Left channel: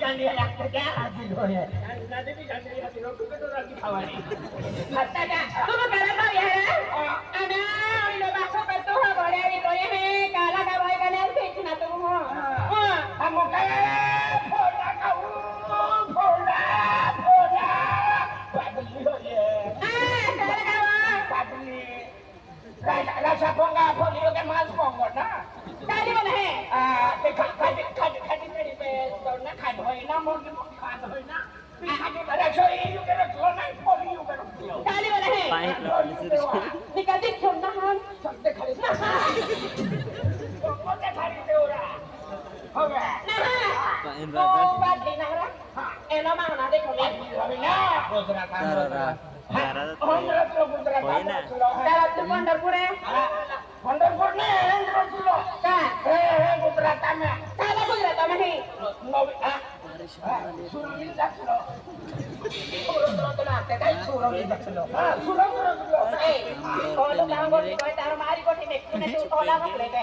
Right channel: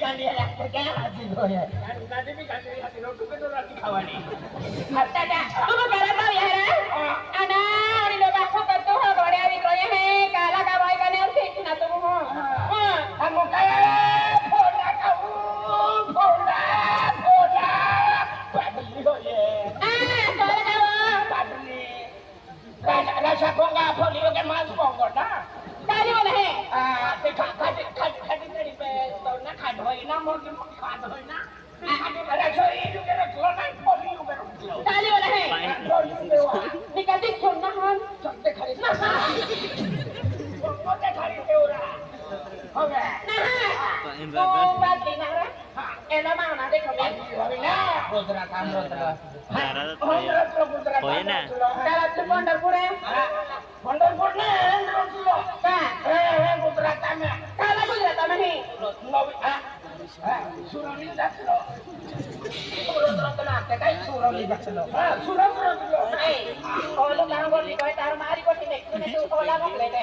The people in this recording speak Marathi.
गांधी लागतं त्या हाती डोळे नादेवी गांधी हाती डोळे तुके तो राती खावानी आता का तू करा पाव यार ana आणि लो बाखो करतो हो घोड्या भी कोये है काला का भाई का ने उठे ना तू हो हम काय फोडा खाऊ फोडा फोडा पागली होये काला का पागली राजा पोंगा फोडी के मांस पोंगो ना काली वाला है ते खाडी तरी पे तो ना खाड होय ना मोगी मोगी खाड होय ना खाडी बरा सोई यू के रखलो ना फोडी यू के रखलो काली वाला है निकाल छोड़ ना हम चलते खड़ी ना कोते खड़ी देवरा हो गया ना ओ बात ली ना रा एना माना देखो ले रविना गुजरात आंध्र होय ना दादा तू पंढरपूर है पंढरपूर ने आंध्र का गुजरात में काला गुजरात में ही नवी सुरमी जातलो सुरत मारते काय सुरमी जातलो सुरत ए कोलो काम कोटी कोई तार मारी कोटी देख तूने तू कोला घातले ते